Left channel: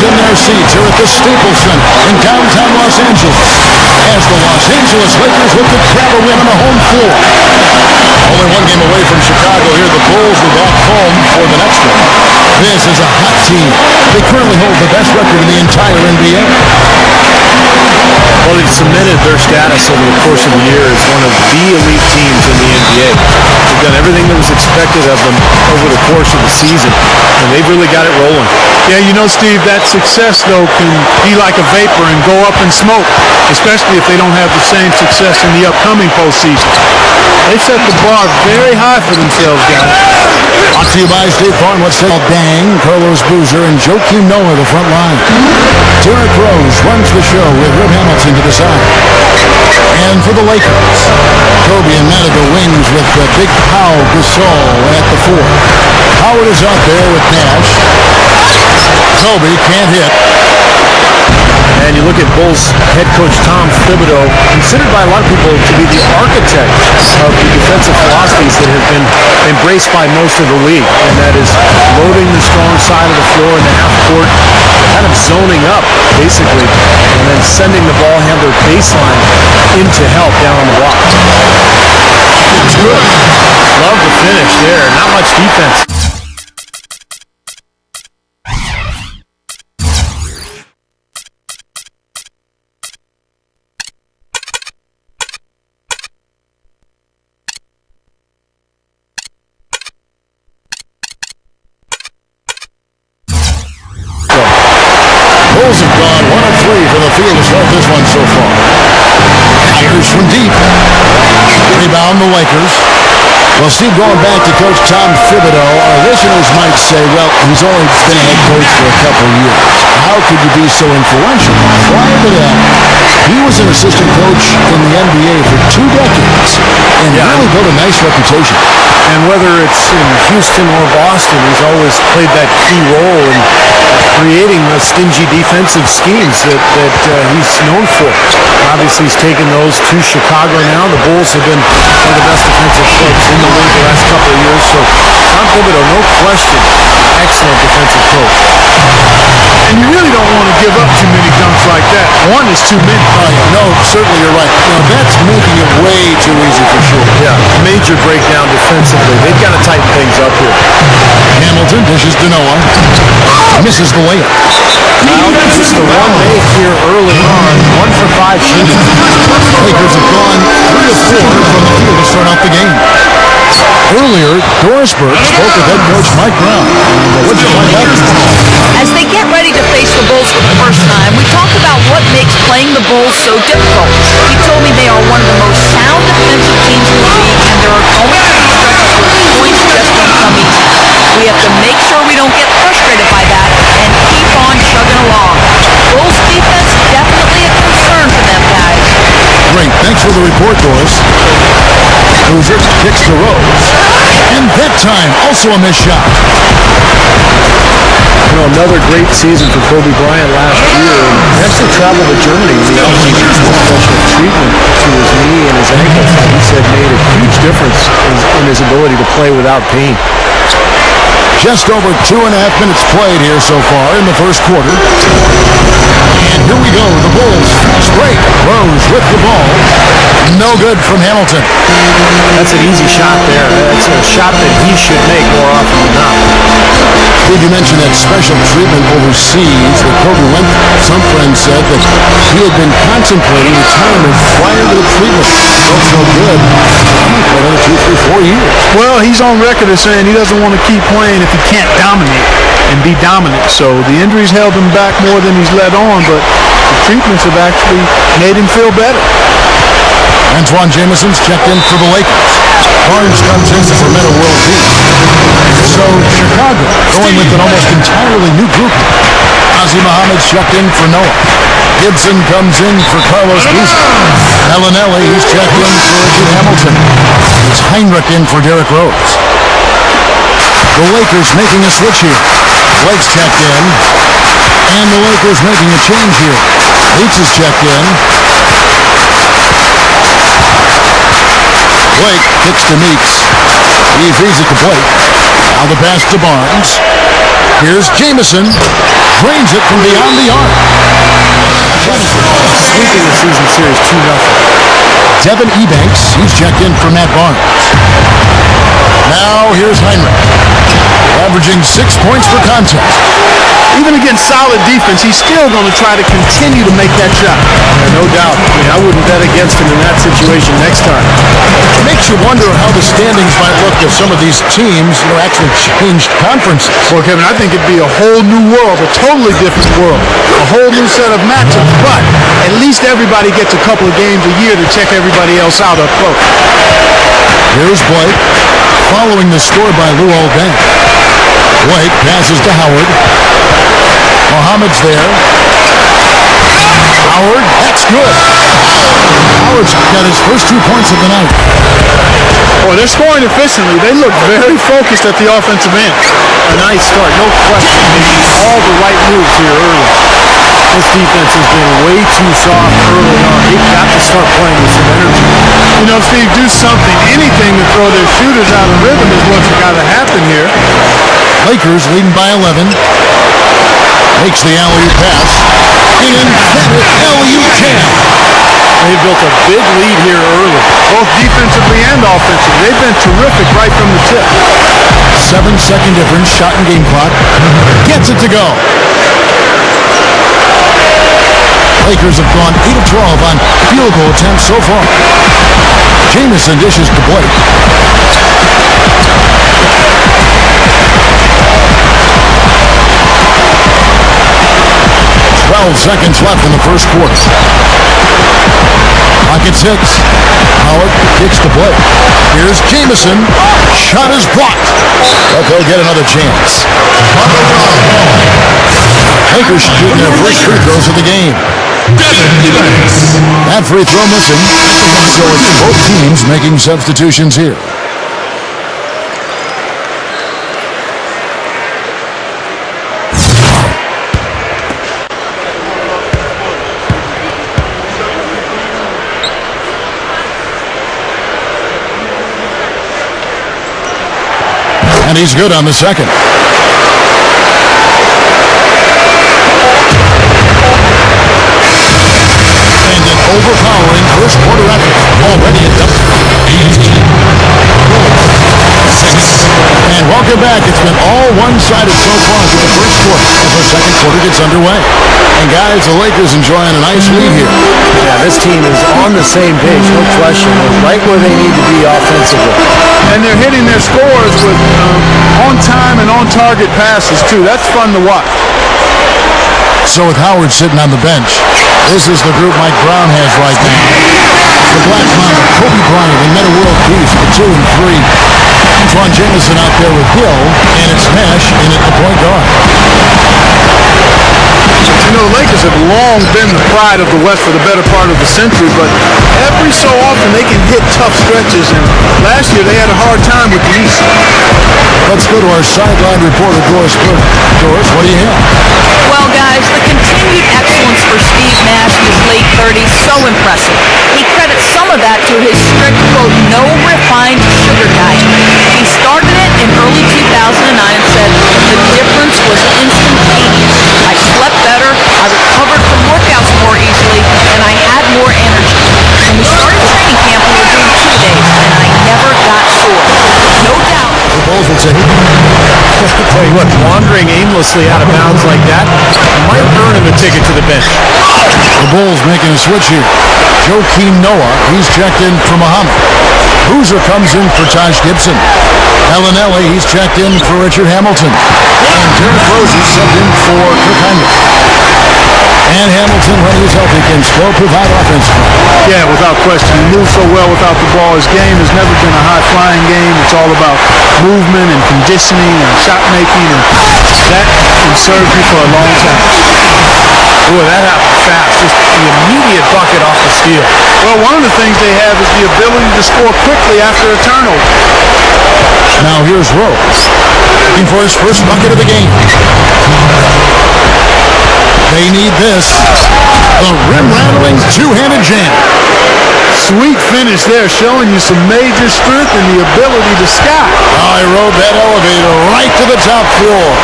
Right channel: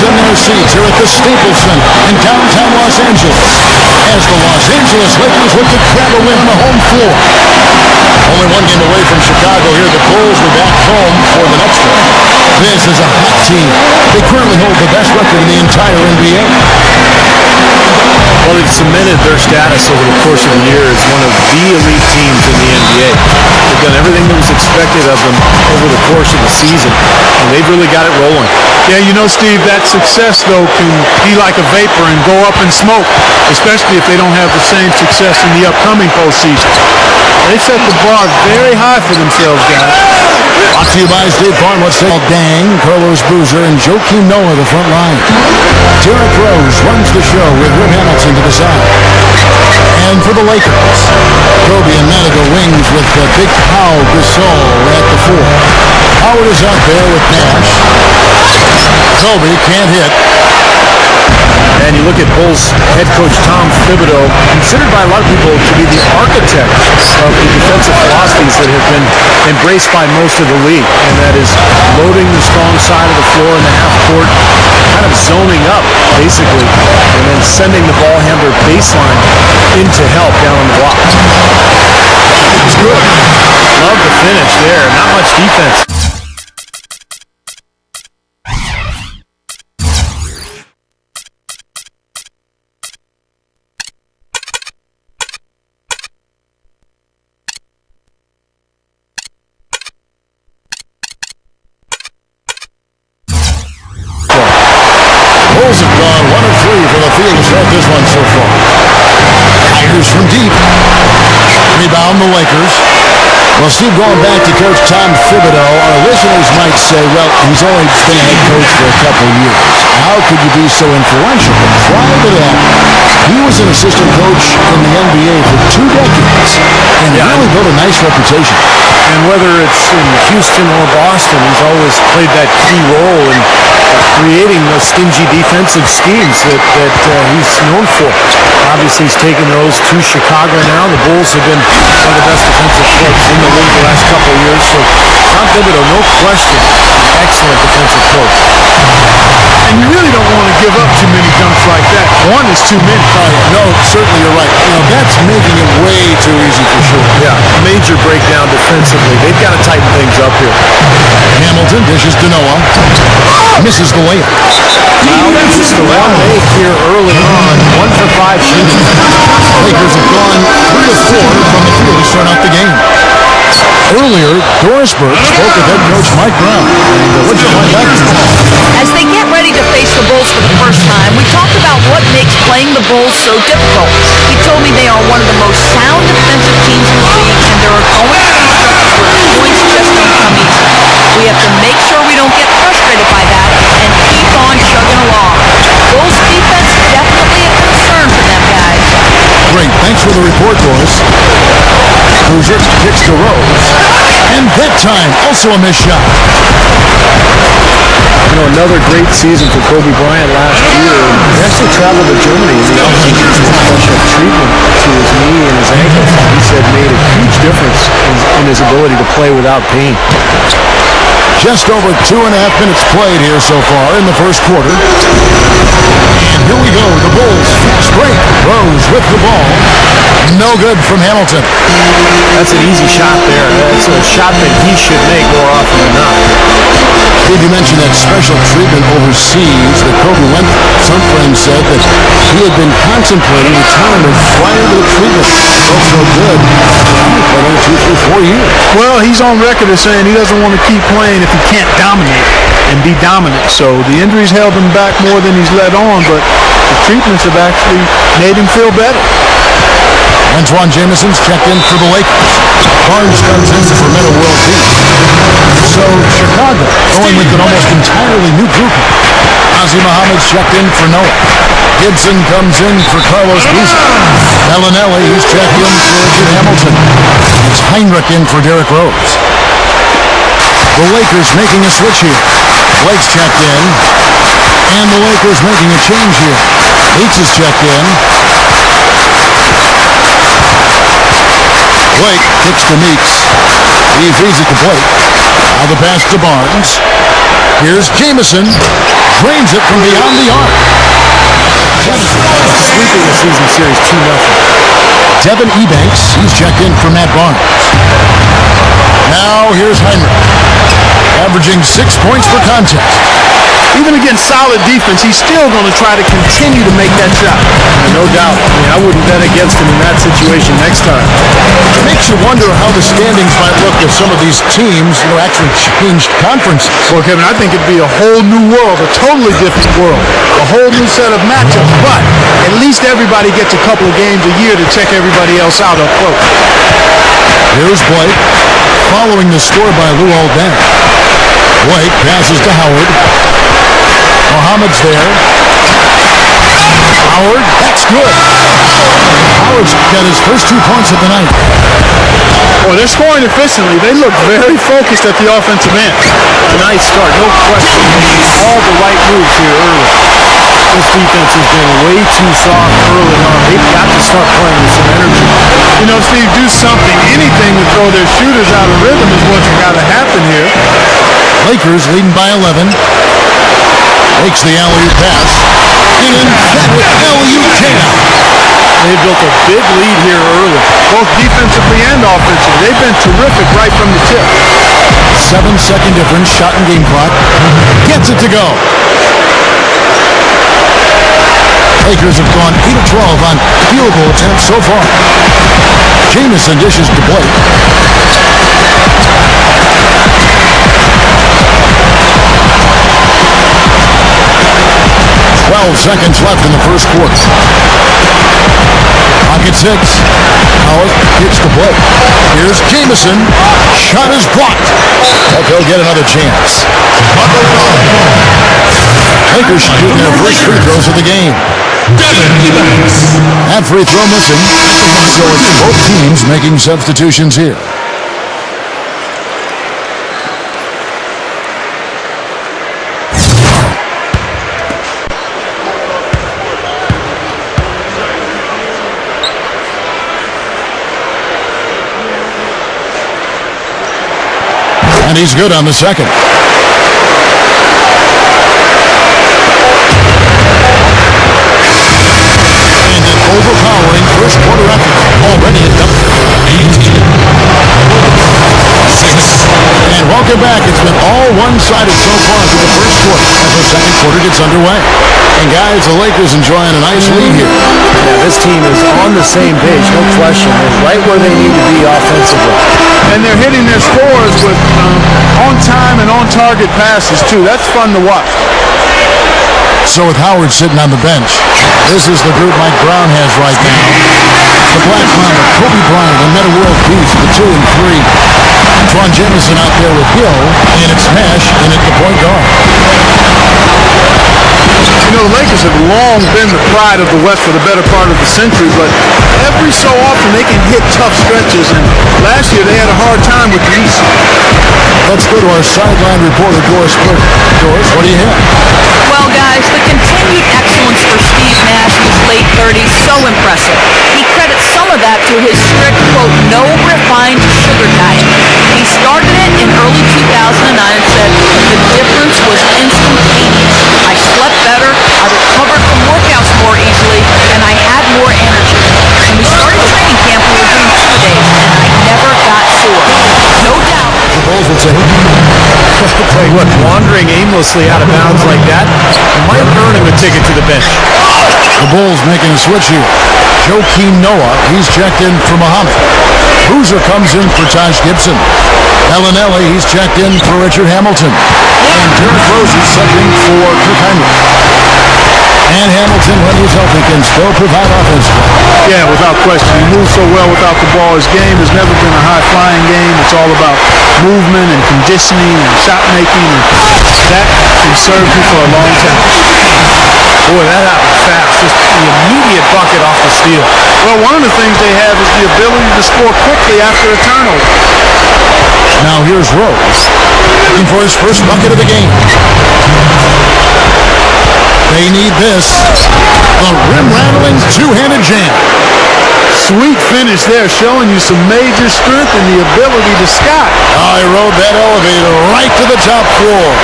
fans in their seats here at the Staples Center in downtown Los Angeles as the Los Angeles Lakers look to grab a win on the home floor. Only one game away from Chicago here. The Bulls will be back home for the next one. This is a hot team. They currently hold the best record in the entire NBA. Well, they've cemented their status over the course of the year as one of the elite teams in the NBA. They've done everything that was expected of them over the course of the season, and they've really got it rolling. Yeah, you know, Steve, that success, though, can be like a vapor and go up in smoke, especially if they don't have the same success in the upcoming postseason. They set the bar very high for themselves, guys. Brought to you by State Farm. Let's say Dang, Carlos Boozer, and Joakim Noah, the front line. Derrick Rose runs the show with Rip Hamilton to the side. And for the Lakers, Kobe and Madiga wings with Big Pau Gasol at the 4. Howard is out there with Nash. Kobe can't hit. And you look at Bulls head coach Tom Thibodeau, considered by a lot of people to be the architect of the defensive philosophies that have been embraced by most of the league. And that is loading the strong side of the floor in the half court, kind of zoning up, basically, and then sending the ball handler baseline into help down on the block. That's good. Love the finish there. Not much defense. Bulls have gone 1 of 3 for the field to start this one so far. Fires from deep. Rebound the Lakers. Well, Steve, going back to Coach Tom Thibodeau, our listeners might say, well, he's only been a head coach for a couple years. How could you be so influential? But prior to that, he was an assistant coach in the NBA for 2 decades and really built a nice reputation. And whether it's in Houston or Boston, he's always played that key role in creating the stingy defensive schemes that he's known for. Obviously, he's taken those to Chicago now. The Bulls have been one of the best defensive clubs in the league the last couple of years. So Tom Thibodeau, no question, an excellent defensive coach. And you really don't want to give up too many dunks like that. One is too many. Oh, yeah. No, certainly you're right. You know, that's making it way too easy for sure. Yeah, major breakdown defensively. They've got to tighten things up here. Hamilton dishes to Noah. Misses the layup. Well, just the one make here early on. 1 for 5 shooting. Lakers have gone 3 of 4 from the field to start out the game. Earlier, Doris Burke spoke with head coach Mike Brown. And what did you find out? As they get ready to face the Bulls for the first time, we talked about what makes playing the Bulls so difficult. He told me they are one of the most sound defensive teams in the league, and there are going to be stretches where the points just don't come easy. We have to make sure we don't get frustrated by that and keep on chugging along. Bulls defense definitely a concern for them, guys. Great. Thanks for the report, Doris. Boozer kicks to Rose. And that time, also a missed shot. You know, another great season for Kobe Bryant last year. He actually traveled to Germany in the offseason for special treatment to his knee and his ankle. He said made a huge difference in his ability to play without pain. Just over 2.5 minutes played here so far in the first quarter. And here we go, the Bulls fast break. Rose with the ball. No good from Hamilton. That's an easy shot there. That's a shot that he should make more often than not. Did you mention that special treatment overseas that Kobe went through? Some friends said that he had been contemplating retirement prior to the treatment. Felt so good. I might play another 2, 3, 4 years. Well, he's on record as saying he doesn't want to keep playing if he can't dominate and be dominant. So the injuries held him back more than he's let on, but the treatments have actually made him feel better. Antoine Jameson's checked in for the Lakers. Barnes comes in for Metta World Peace. So Chicago going with an almost entirely new grouping. Ozzie Muhammad's checked in for Noah. Gibson comes in for Carlos Boozer. Bellinelli, he's checked in for Richard Hamilton. It's Heinrich in for Derrick Rose. The Lakers making a switch here. Blake's checked in. And the Lakers making a change here. Leach is checked in. Blake kicks to Meeks. He feeds it to Blake. Now the pass to Barnes. Here's Jameson. drains it from beyond the arc. Sweeping the season series 2-0. Devin Ebanks, he's checked in for Matt Barnes. Now here's Heinrich, averaging 6 points per contest. Even against solid defense, he's still going to try to continue to make that shot. Yeah, no doubt. I mean, I wouldn't bet against him in that situation next time. It makes you wonder how the standings might look if some of these teams, actually changed conferences. Well, Kevin, I think it'd be a whole new world, a totally different world, a whole new set of matchups, but at least everybody gets a couple of games a year to check everybody else out up close. Here's Blake, following the score by Lou Aldang. Blake passes to Howard. Mohamed's there. Howard, that's good. Howard's got his first 2 points of the night. Boy, they're scoring efficiently. They look very focused at the offensive end. A nice start, no question. Making all the right moves here early. This defense has been way too soft early on. They've got to start playing with some energy. Steve, do something, anything to throw their shooters out of rhythm is what's got to happen here. Lakers leading by 11. Makes the alley-oop pass. An emphatic alley-oop jam. They've built a big lead here early. Both defensively and offensively. They've been terrific right from the tip. 7-second difference, shot and game clock. Gets it to go. Lakers have gone 8 of 12 on field goal attempts so far. Jamison dishes to Blake. 12 seconds left in the first quarter. Clock at 6. Howard kicks to Blake. Here's Jamison. Shot is blocked. But they'll get another chance. Lakers shooting their first free throws of the game. That free throw missing. So it's both teams making substitutions here. And he's good on the second. And an overpowering first quarter effort. Already at double. 18. 6. And welcome back. It's been all one-sided so far through the first quarter as our second quarter gets underway. And guys, the Lakers enjoying a nice lead here. Yeah, this team is on the same page, no question. They're right where they need to be offensively. And they're hitting their scores with on-time and on-target passes, too. That's fun to watch. So with Howard sitting on the bench, this is the group Mike Brown has right now. The Black Mamba, Kobe Bryant, and Metta World Peace, the 2 and 3. Antoine Jamison out there with Hill, and it's Nash in at the point guard. The Lakers have long been the pride of the West for the better part of the century, but every so often they can hit tough stretches, and last year they had a hard time with the East. Let's go to our sideline reporter, Doris Burke. Doris, what do you have? Well, guys, the continued excellence for Steve Nash in his late 30s, so impressive. He credits some of that to his strict, quote, no refined sugar diet. He started it in early 2009 and said, the difference was instantaneous. I slept better, I recovered from workouts more easily, and I had more energy. When we started training camp, we were doing 2-a-days, and I never got sore. No doubt. The Bulls will take it. I'll tell you what, wandering aimlessly out of bounds like that might earn him a ticket to the bench. The Bulls making a switch here. Joakim Noah, he's checked in for Muhammad. Boozer comes in for Taj Gibson. Bellinelli, he's checked in for Richard Hamilton. And Derrick Rose is subbed in for Kirk Heinrich. And Hamilton, when he's healthy, can still provide offense for him. Yeah, without question. He moves so well without the ball. His game has never been a high-flying game. It's all about movement and conditioning and shot-making, and that can serve you for a long time. Boy, that happened fast. Just the immediate bucket off the steal. Well, one of the things they have is the ability to score quickly after a turnover. Now here's Rose, looking for his first bucket of the game. They need this. The rim-rattling two-handed jam. Sweet finish there, showing you some major strength and the ability to sky. I rode that elevator right to the top floor.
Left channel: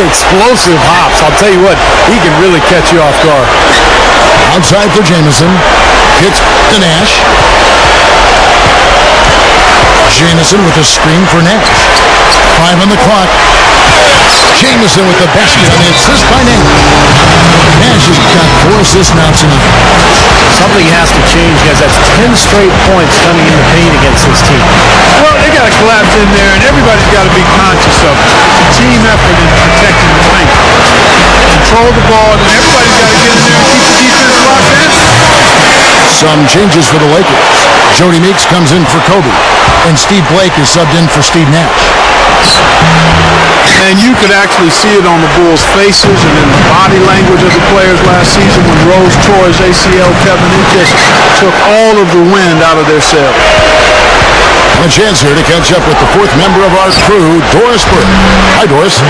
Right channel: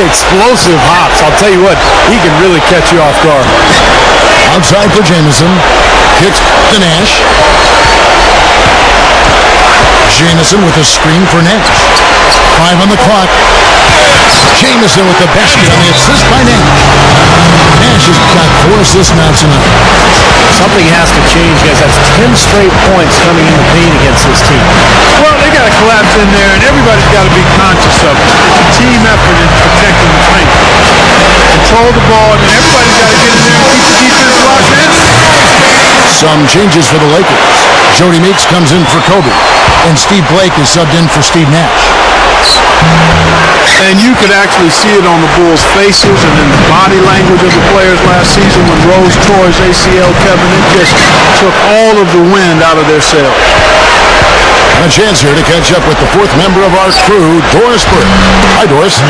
explosive hops. I'll tell you what, he can really catch you off guard. Outside for Jamison. Kicks to Nash. Jamison with a screen for Nash. 5 on the clock. Jamison with the basket on the assist by Nash. Nash has got 4 assists now tonight. Something has to change, guys. That's 10 straight points coming in the paint against this team. Well, they got to collapse in there, and everybody's got to be conscious of it. It's a team effort in protecting the paint. Control the ball, and then everybody's got to get in there and keep the defense locked in. Some changes for the Lakers. Jody Meeks comes in for Kobe, and Steve Blake is subbed in for Steve Nash. And you could actually see it on the Bulls' faces and in the body language of the players last season when Rose tore his ACL, Kevin. It just took all of the wind out of their sails. And a chance here to catch up with the 4th member of our crew, Doris Burke. Hi, Doris.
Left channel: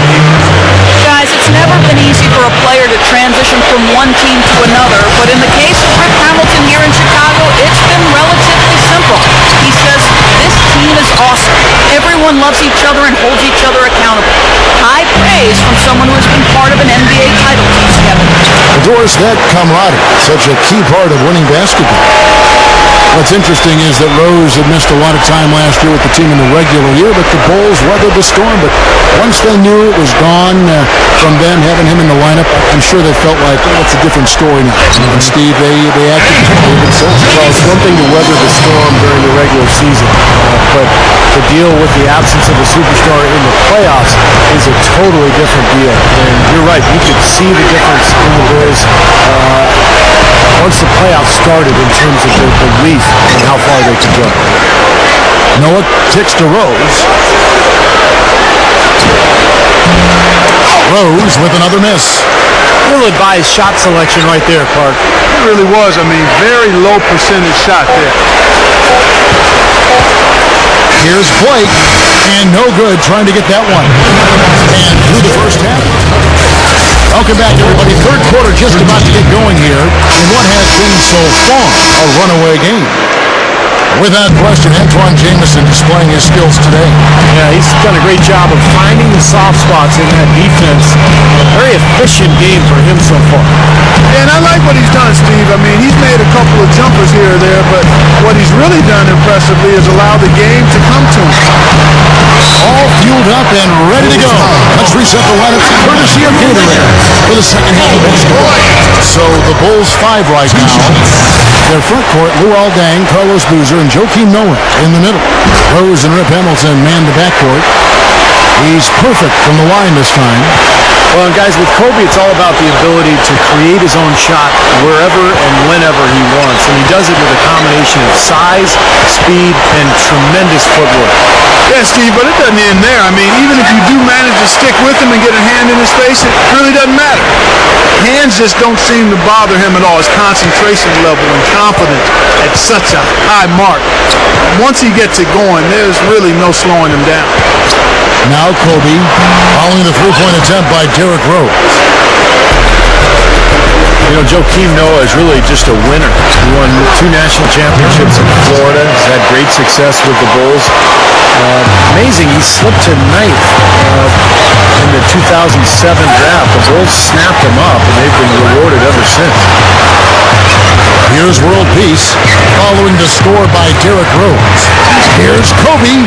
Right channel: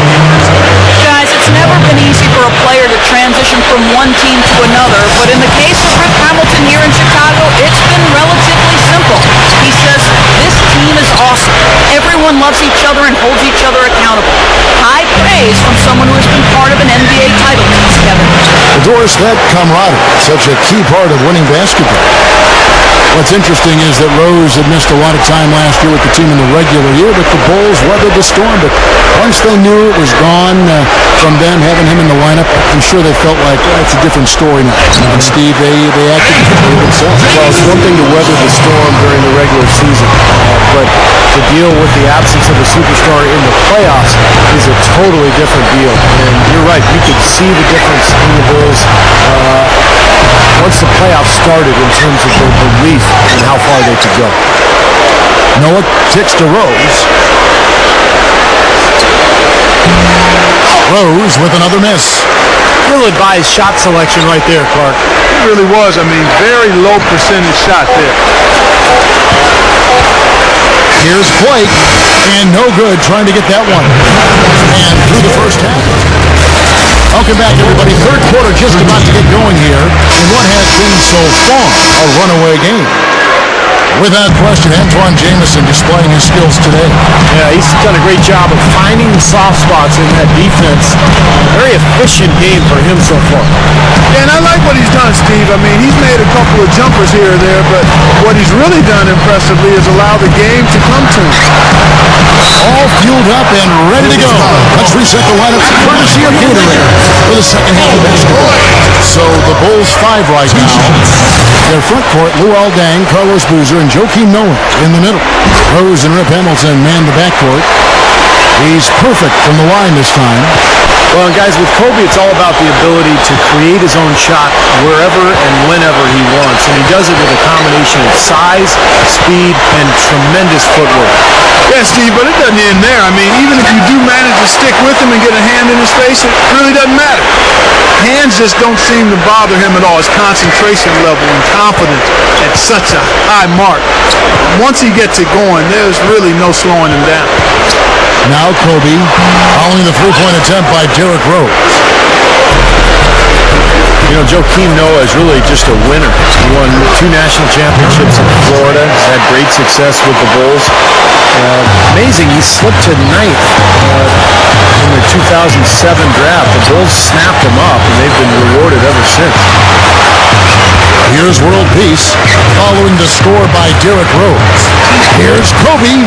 Guys, it's never been easy for a player to transition from one team to another, but in the case of Rip Hamilton here in Chicago, it's been relatively simple. He says, this team is awesome. Everyone loves each other and holds each other accountable. High praise from someone who has been part of an NBA title team, Kevin. Well, Doris, that camaraderie, such a key part of winning basketball. What's interesting is that Rose had missed a lot of time last year with the team in the regular year, but the Bulls weathered the storm. But once they knew it was gone from them, having him in the lineup, I'm sure they felt like it's a different story now. And Steve, they acted for themselves. Well, it's one thing to weather the storm during the regular season, but to deal with the absence of a superstar in the playoffs is a totally different deal. And you're right, you could see the difference in the Bulls once the playoffs started in terms of their belief in how far they could go. Noah kicks to Rose. Rose with another miss. Ill-advised shot selection right there, Clark. It really was. I mean, very low percentage shot there. Here's Blake, and no good trying to get that one. And through the first half. Welcome back, everybody. Third quarter just about to get going here in what has been so far a runaway game. Without question, Antoine Jamison displaying his skills today. Yeah, he's done a great job of finding the soft spots in that defense. Very efficient game for him so far. Yeah, and I like what he's done, Steve. I mean, he's made a couple of jumpers here or there, but what he's really done impressively is allow the game to come to him. All fueled up and ready to go. Let's reset the lineup courtesy of Gatorade for the second half of basketball. So the Bulls 5 right now. Their front court, Luol Deng, Carlos Boozer, and Joakim Noah in the middle. Rose and Rip Hamilton man the backcourt. He's perfect from the line this time. Well, and guys, with Kobe, it's all about the ability to create his own shot wherever and whenever he wants. And he does it with a combination of size, speed, and tremendous footwork. Yeah, Steve, but it doesn't end there. I mean, even if you do manage to stick with him and get a hand in his face, it really doesn't matter. Hands just don't seem to bother him at all. His concentration level and confidence at such a high mark. Once he gets it going, there's really no slowing him down. Now Kobe, following the three-point attempt by Derrick Rose. You know, Joakim Noah is really just a winner. He won 2 national championships in Florida. He's had great success with the Bulls. Amazing, he slipped to 9th in the 2007 draft. The Bulls snapped him up, and they've been rewarded ever since. Here's World Peace, following the score by Derrick Rose. Here's Kobe.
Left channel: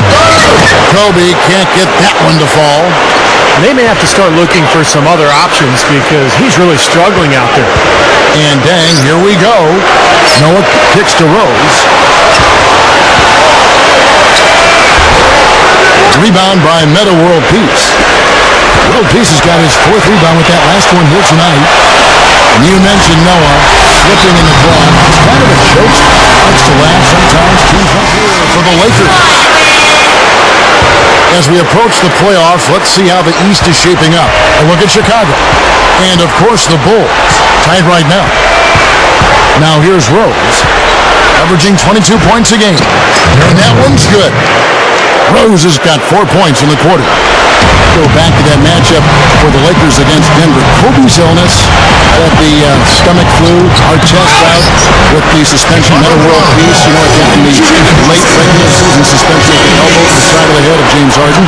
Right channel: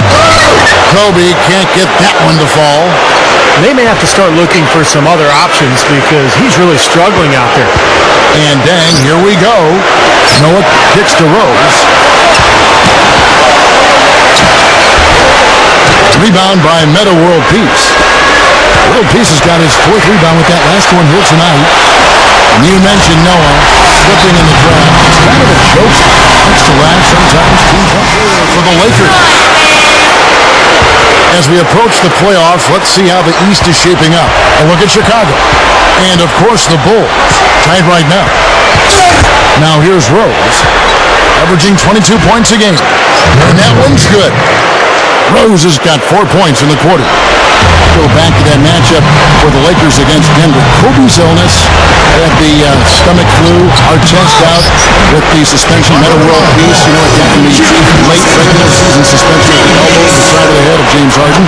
Kobe can't get that one to fall. They may have to start looking for some other options because he's really struggling out there. And dang, here we go. Noah kicks to Rose. Rebound by Meta World Peace. World Peace has got his 4th rebound with that last one here tonight. And you mentioned Noah slipping in the draft. It's kind of a jokester. Likes to laugh sometimes. Teams up here for the Lakers. As we approach the playoffs, let's see how the East is shaping up. A look at Chicago. And, of course, the Bulls. Tied right now. Now here's Rose, averaging 22 points a game. And that one's good. Rose has got 4 points in the quarter. Go back to that matchup for the Lakers against Denver. Kobe's illness, had the stomach flu, Artest out with the suspension, Metta World Peace, you know, it got from the late regular season suspension at the elbow to the side of the head of James Harden.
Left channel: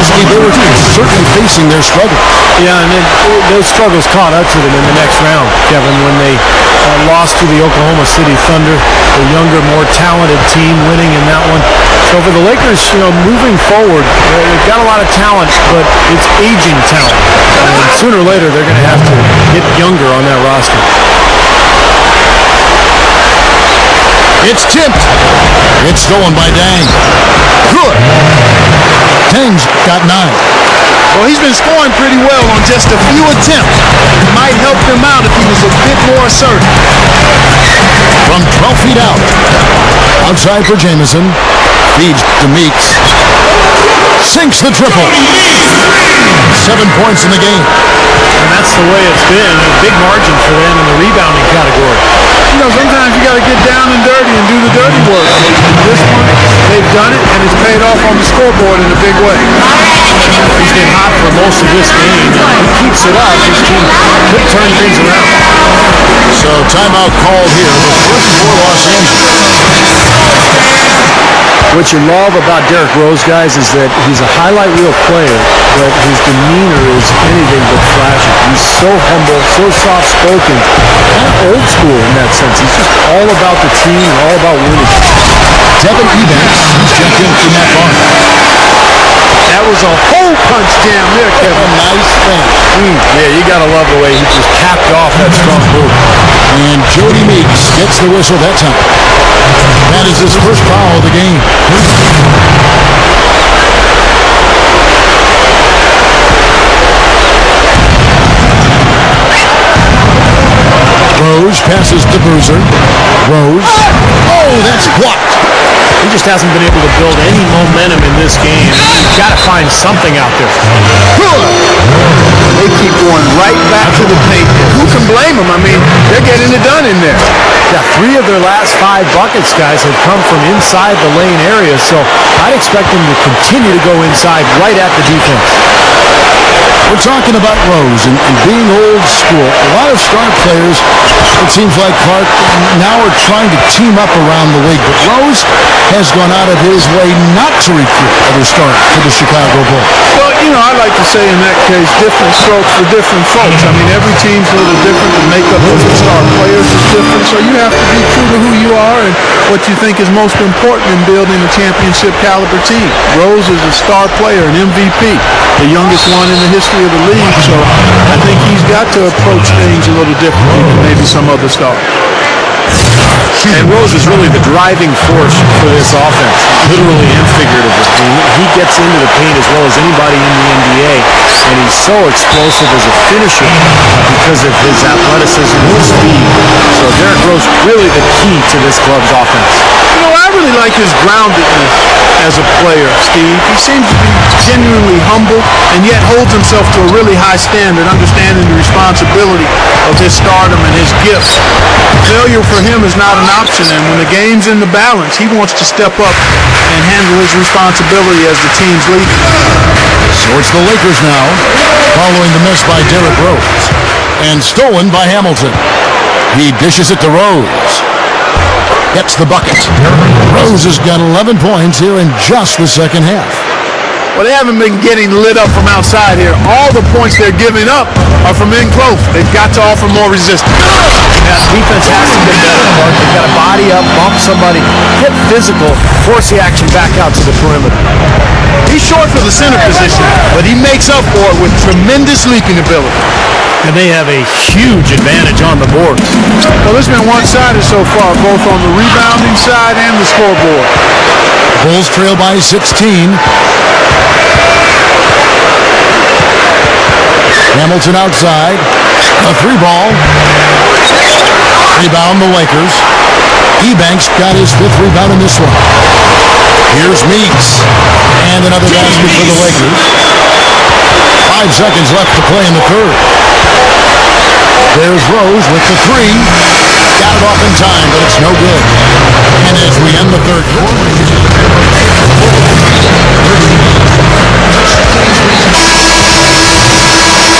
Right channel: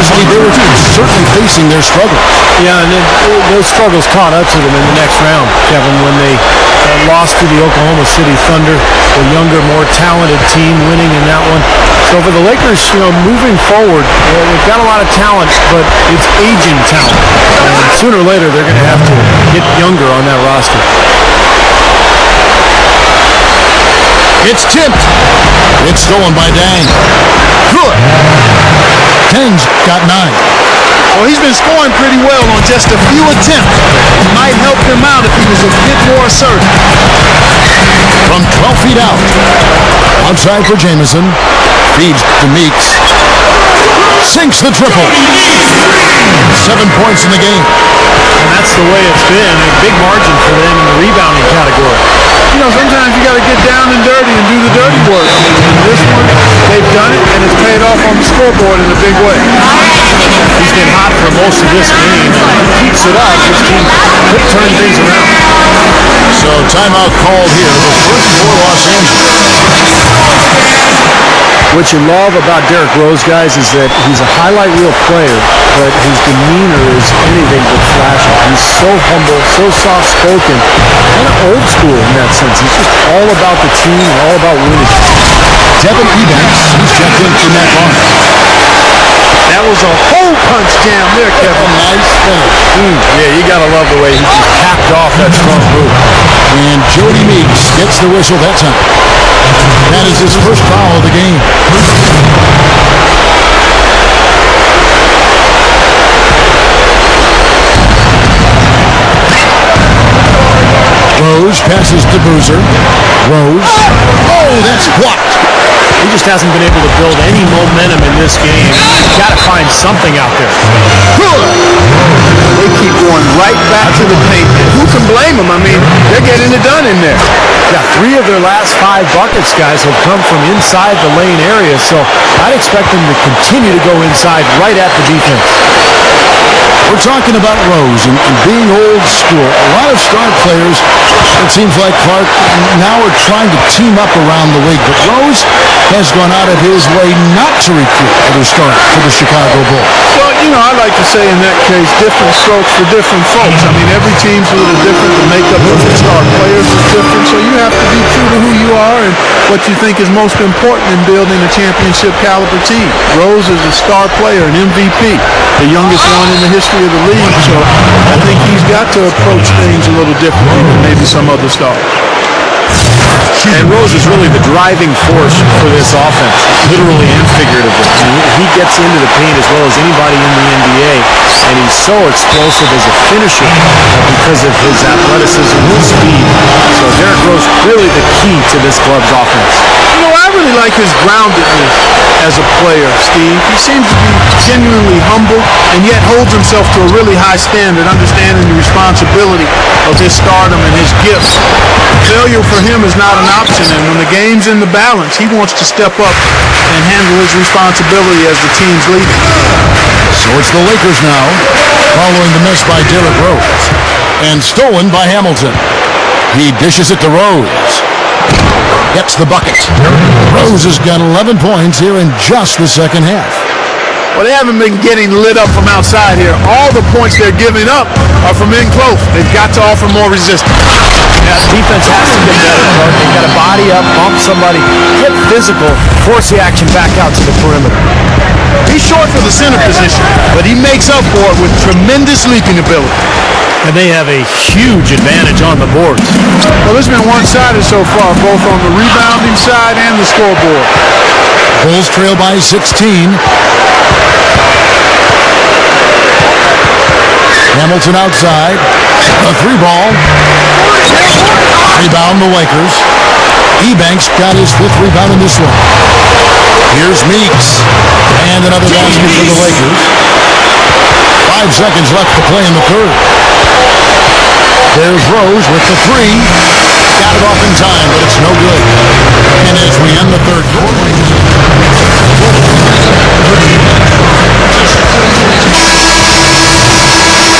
Steve, they were certainly facing their struggles. Yeah, and then those struggles caught up to them in the next round, Kevin, when they lost to the Oklahoma City Thunder, the younger, more talented team winning in that one. So for the Lakers, you know, moving forward, they've got a lot of talent, but it's aging talent. And sooner or later, they're going to have to get younger on that roster. It's tipped. It's stolen by Dang. Good. Dang's got 9. Well, he's been scoring pretty well on just a few attempts. It might help him out if he was a bit more assertive. From 12 feet out. Outside for Jamison. Feeds to Meeks. Sinks the triple. 7 points in the game. And that's the way it's been. A big margin for them in the rebounding category. You know, sometimes you got to get down and dirty and do the dirty work. In this one, they've done it, and it's paid off on the scoreboard in a big way. He's been hot for most of this game, and if he keeps it up, his team could turn things around. So timeout called here. The first for Los Angeles. What you love about Derrick Rose, guys, is that he's a highlight reel player, but his demeanor is anything but flashy. He's so humble, so soft-spoken, kind of old school in that sense. He's just all about the team and all about winning. Devin Ebanks, he's checked in for Matt Barnes. That was a hole punch jam there, Kevin. A nice finish. Yeah, you got to love the way he just capped off that strong move. And Jody Meeks gets the whistle that time. That is his first foul of the game. Rose passes to Boozer. Rose. Oh, that's blocked. He just hasn't been able to build any momentum in this game. He's got to find something out there. They keep going right back to the paint. Who can blame them? I mean, they're getting it done in there. Yeah, 3 of their last 5 buckets, guys, have come from inside the lane area, so I'd expect them to continue to go inside right at the defense. We're talking about Rose and being old school. A lot of star players, it seems like, Clark, now are trying to team up around the league. But Rose has gone out of his way not to recruit other stars for the Chicago Bulls. Well, you know, I like to say in that case, different strokes for different folks. I mean, every team's a little different. The makeup of the star players is different. So you have to be true to who you are and what you think is most important in building a championship caliber team. Rose is a star player, an MVP, the youngest one in the history of the league. So I think he's got to approach things a little differently than maybe some other stars. And Rose is really the driving force for this offense, literally and figuratively. He gets into the paint as well as anybody in the NBA, and he's so explosive as a finisher because of his athleticism and speed. So Derrick Rose, really the key to this club's offense. You know, I really like his groundedness as a player, Steve. He seems to be genuinely humble and yet holds himself to a really high standard, understanding the responsibility of his stardom and his gifts. Failure for him is not an option, and when the game's in the balance, he wants to step up and handle his responsibility as the team's leader. So it's the Lakers now, following the miss by Derrick Rose. And stolen by Hamilton. He dishes it to Rose. Gets the bucket. Rose has got 11 points here in just the second half. Well, they haven't been getting lit up from outside here. All the points they're giving up are from in close. They've got to offer more resistance. Yeah, defense has to get better, Clark. They've got to body up, bump somebody, get physical, force the action back out to the perimeter. He's short for the center position, but he makes up for it with tremendous leaping ability. And they have a huge advantage on the boards. Well, it's been one-sided so far, both on the rebounding side and the scoreboard. Bulls trail by 16. Hamilton outside. A 3-ball. Rebound the Lakers. Ebanks got his 5th rebound in this one. Here's Meeks. And another basket for the Lakers. 5 seconds left to play in the third. There's Rose with the 3. Got it off in time, but it's no good. And as we end the third quarter, the Bulls lead 31-33.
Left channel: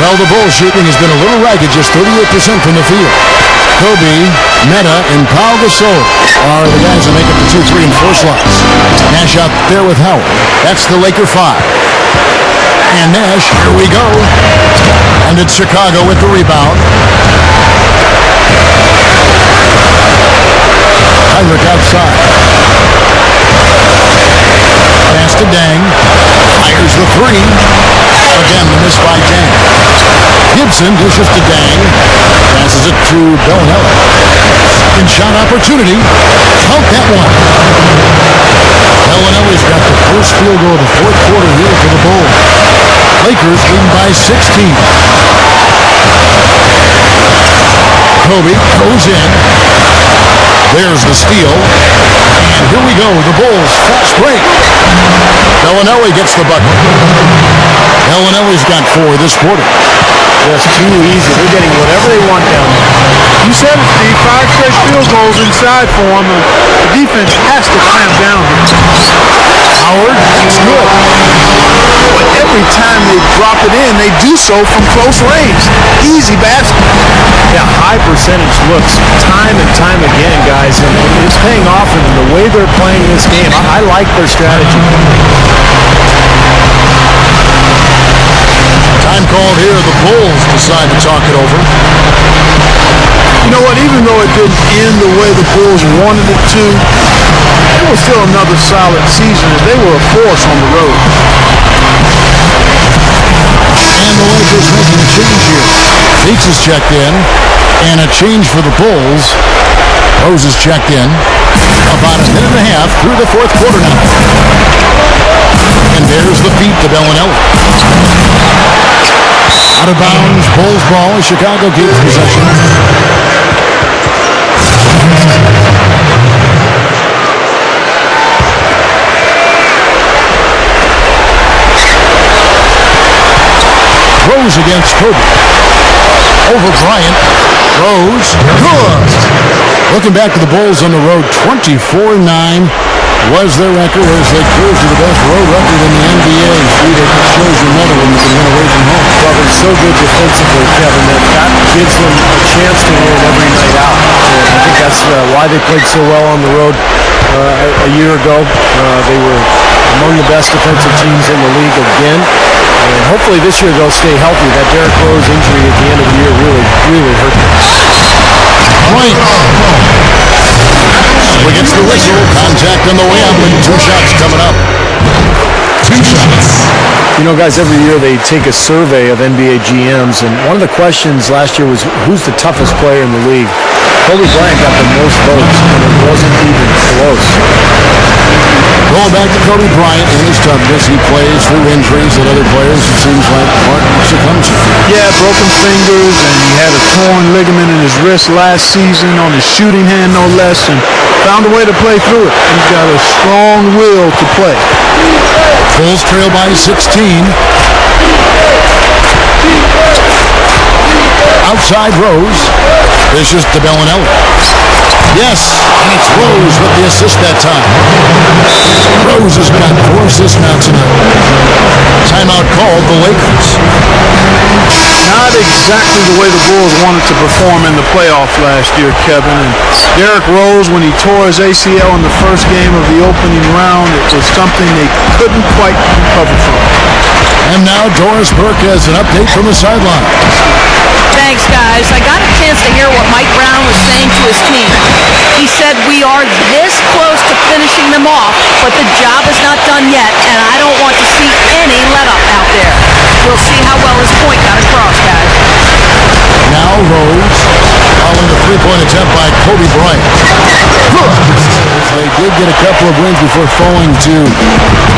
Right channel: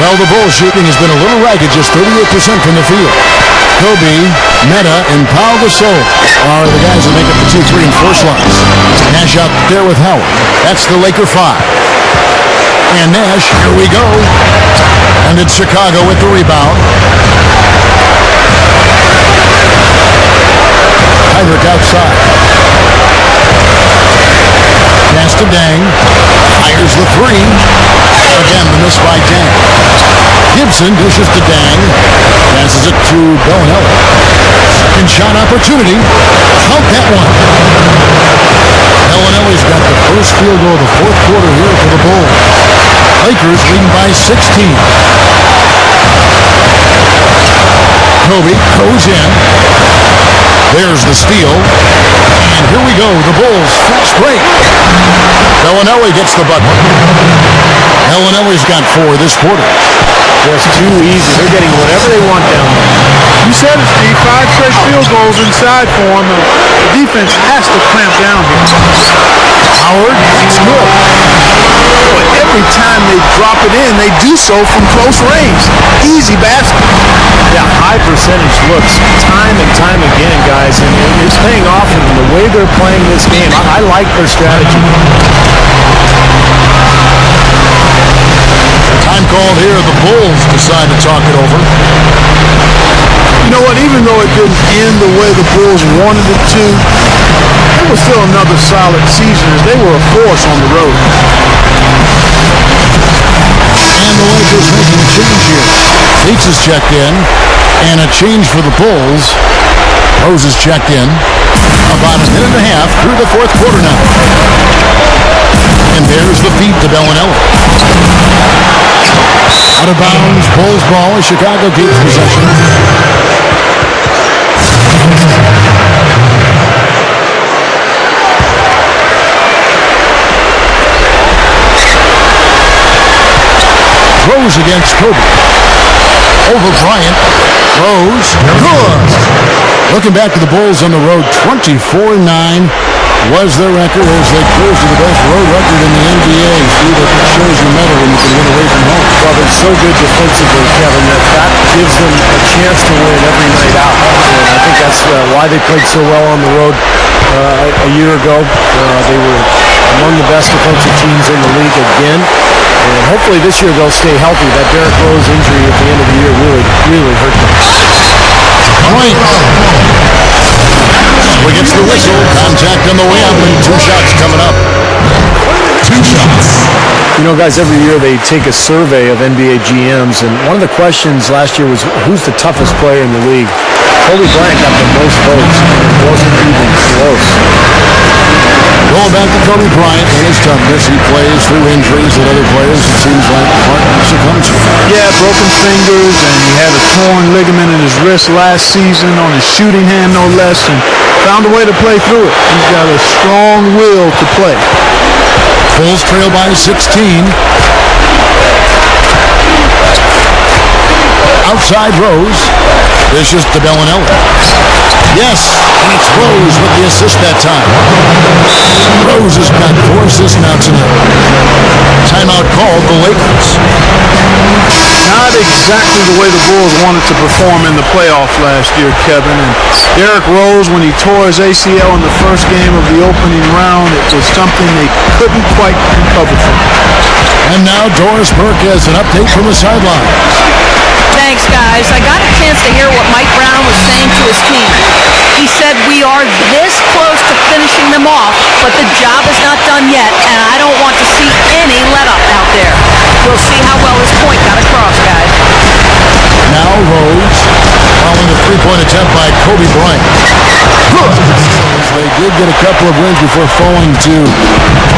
Well, the Bulls shooting has been a little ragged, just 38% from the field. Kobe, Meta, and Pau Gasol are the guys that make up the 2, 3, and 4 slots. Nash out there with Howard. That's the Laker 5. And Nash, here we go. And it's Chicago with the rebound. Heinrich outside. Pass to Dang. Fires the 3. Again, the miss by Dang. Gibson dishes to Dang. Passes it to Bellinelli. Second shot opportunity. Count that one. Bellinelli's got the first field goal of the fourth quarter here for the Bulls. Lakers leading by 16. Kobe goes in. There's the steal. And here we go. The Bulls fast break. Bellinelli gets the bucket. Bellinelli's got 4 this quarter. Just too easy. They're getting whatever they want down there. You said it, Steve. 5 straight field goals inside for them. The defense has to clamp down here. Howard, that's good. Boy, every time they drop it in, they do so from close range. Easy basket. Yeah, high percentage looks time and time again, guys, and it's paying off for them. The way they're playing this game, I like their strategy. Time called here. The Bulls decide to talk it over. You know what? Even though it didn't end the way the Bulls wanted it to, it was still another solid season as they were a force on the road. And the Lakers making a change here. Leaks is checked in, and a change for the Bulls. Rose is checked in. About a minute and a half through the fourth quarter now. And there's the feed to Bellinelli. Out of bounds, Bulls ball as Chicago keeps possession. Rose against Kobe. Over Bryant. Rose. Good. Looking back to the Bulls on the road, 24-9 was their record as they cruise to the best road record in the NBA. Steve, it shows your mettle when you can win away from home. Well, they're so good defensively, Kevin, that gives them a chance to win every night out. And I think that's why they played so well on the road a year ago. They were among the best defensive teams in the league again. And hopefully this year they'll stay healthy. That Derrick Rose injury at the end of the year really hurt them. Right. So he gets the whistle. Contact on the way up, and 2 shots coming up. 2 shots. You know, guys, every year they take a survey of NBA GMs, and one of the questions last year was, who's the toughest player in the league? Kobe Bryant got the most votes, and it wasn't even close. Going back to Kobe Bryant and his toughness, he plays through injuries that other players, it seems like, succumb to. Yeah, broken fingers, and he had a torn ligament in his wrist last season on his shooting hand, no less, and found a way to play through it. He's got a strong will to play. Bulls trail by 16. Outside Rose. Dishes to Bellinelli. Yes, and it's Rose with the assist that time. Rose has got 4 assists now tonight. Timeout called the Lakers. Not exactly the way the Bulls wanted to perform in the playoffs last year, Kevin. And Derrick Rose, when he tore his ACL in the first game of the opening round, it was something they couldn't quite recover from. And now Doris Burke has an update from the sidelines. Thanks, guys. I got a chance to hear what Mike Brown was saying to his team. He said, we are this close to finishing them off, but the job is not done yet, and I don't want to see any let-up out there. We'll see how well his point got across, guys. Now Rose, following the 3-point attempt by Kobe Bryant. Good. They did get a couple of wins before falling to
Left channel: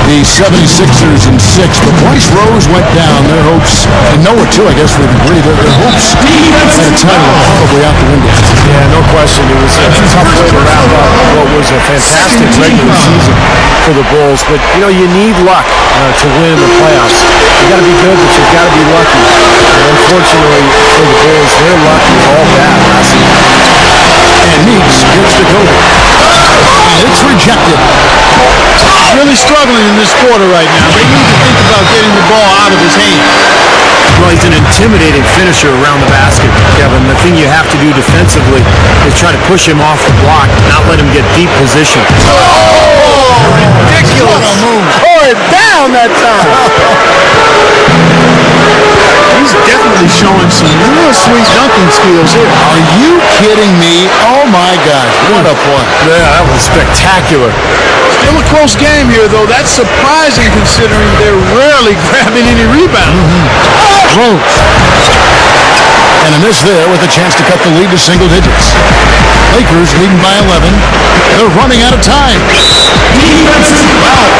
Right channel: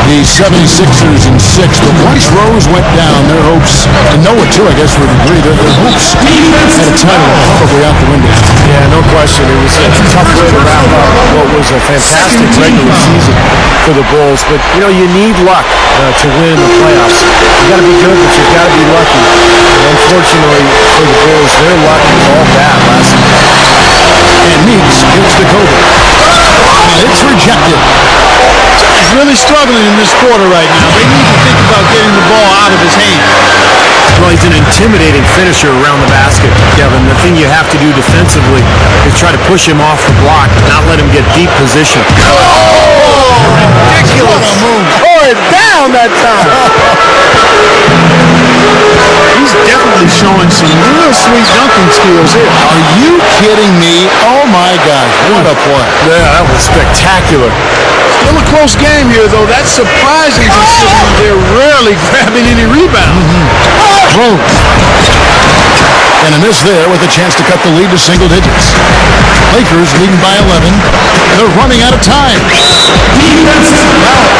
the 76ers in 6, but once Rose went down, their hopes, and Noah too, I guess, would agree, their hopes at a title were probably out the window. Yeah, no question. It was a tough way to wrap up what was a fantastic regular season for the Bulls, but you know, you need luck to win in the playoffs. You got to be good, but you've got to be lucky. And unfortunately for the Bulls, their luck was all bad last season. And Meeks gets to Kobe. And it's rejected. He's really struggling in this quarter right now. They need to think about getting the ball out of his hands. Well, he's an intimidating finisher around the basket, Kevin. The thing you have to do defensively is try to push him off the block, not let him get deep position. Ridiculous. What a move. Tore it down that time. He's definitely showing some real sweet dunking skills here. Are you kidding me? Oh my gosh, what a play. Yeah, that was spectacular. Still a close game here, though. That's surprising considering they're rarely grabbing any rebounds. Rose. And a miss there with a chance to cut the lead to single digits. Lakers leading by 11. They're running out of time. Defensive foul.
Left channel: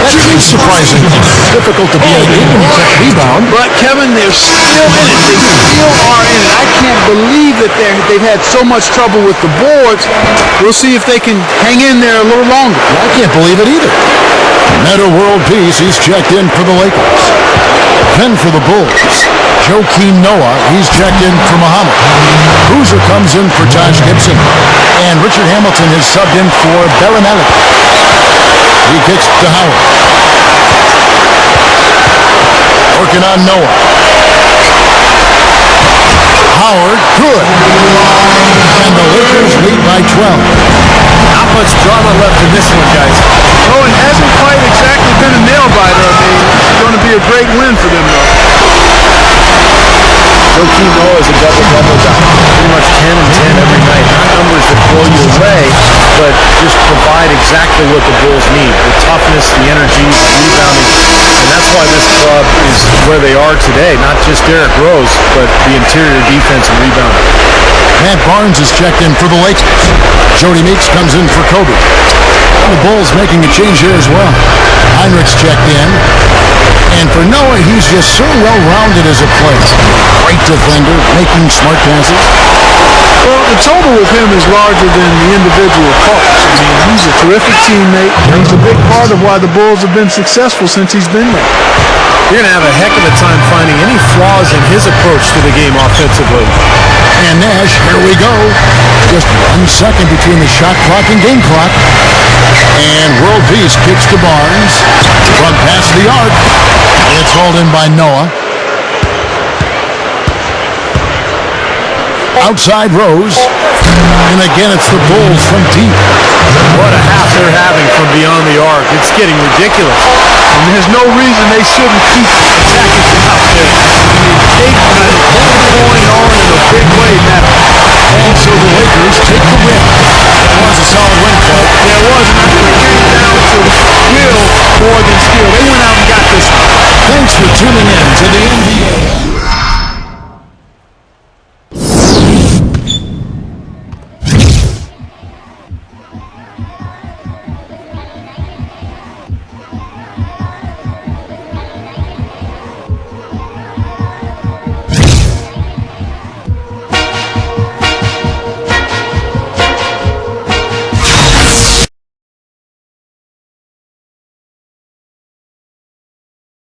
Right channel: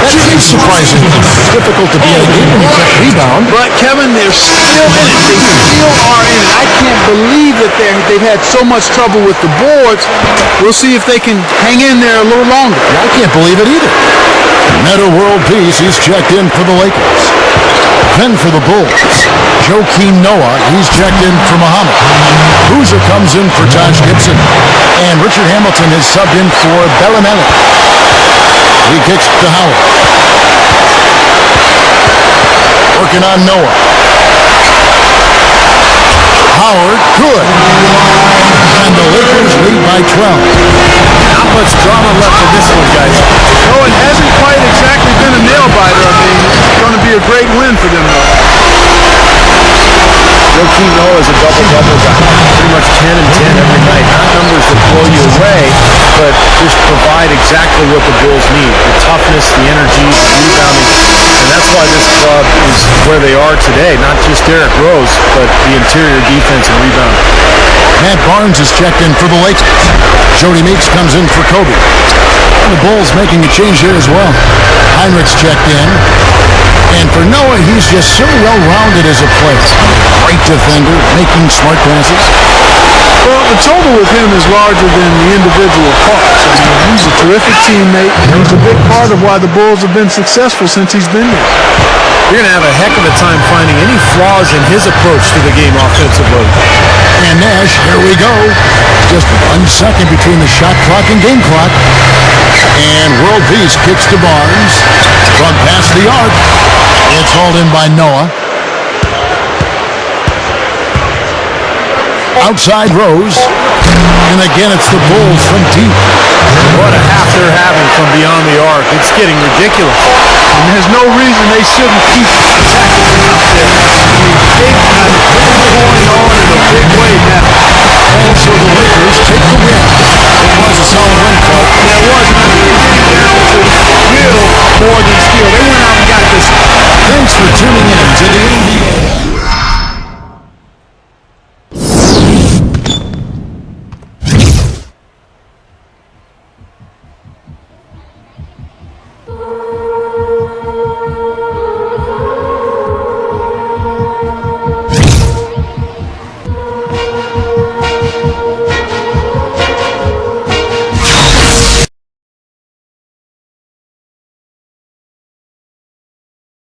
That is surprising. It's difficult to be in a game when you can't rebound. But, Kevin, they're still in it. They still are in it. I can't believe that they've had so much trouble with the boards. We'll see if they can hang in there a little longer. I can't believe it either. Meta World Peace, he's checked in for the Lakers. Then for the Bulls, Joakim Noah, he's checked in for Muhammad. Boozer comes in for Taj Gibson. And Richard Hamilton is subbed in for Bellinelli. He kicks to Howard. Working on Noah. Howard, good. And the Lakers lead by 12. Not much drama left in this one, guys. No, it hasn't quite exactly been a nail-biter. I mean, it's going to be a great win for them, though. Joakim Noah is a double-double guy. Pretty much 10 and 10 every night. Not numbers that blow you away, but just provide exactly what the Bulls need. The toughness, the energy, the rebounding. And that's why this club is where they are today. Not just Derrick Rose, but the interior defense and rebounding. Matt Barnes is checked in for the Lakers. Jody Meeks comes in for Kobe. And the Bulls making a change here as well. Heinrich's checked in. And for Noah, he's just so well-rounded as a player. Great defender, making smart passes. Well, the total with him is larger than the individual parts. I mean, he's a terrific teammate. He's a big part of why the Bulls have been successful since he's been there. You're going to have a heck of a time finding any flaws in his approach to the game offensively. And Nash, here we go. Just 1 second between the shot clock and game clock. And World Peace kicks to Barnes. From past the arc. It's hauled in by Noah. Outside Rose. And again, it's the Bulls from deep. What a half they're having from beyond the arc. It's getting ridiculous. And there's no reason they shouldn't keep attacking from out there. I mean, they've got it going on in a big way now. And so the Lakers take the win. It was a solid win, Clark. Yeah, it was, and I think it came down to will more than skill. They went out and got this one. Thanks for tuning in to the NBA.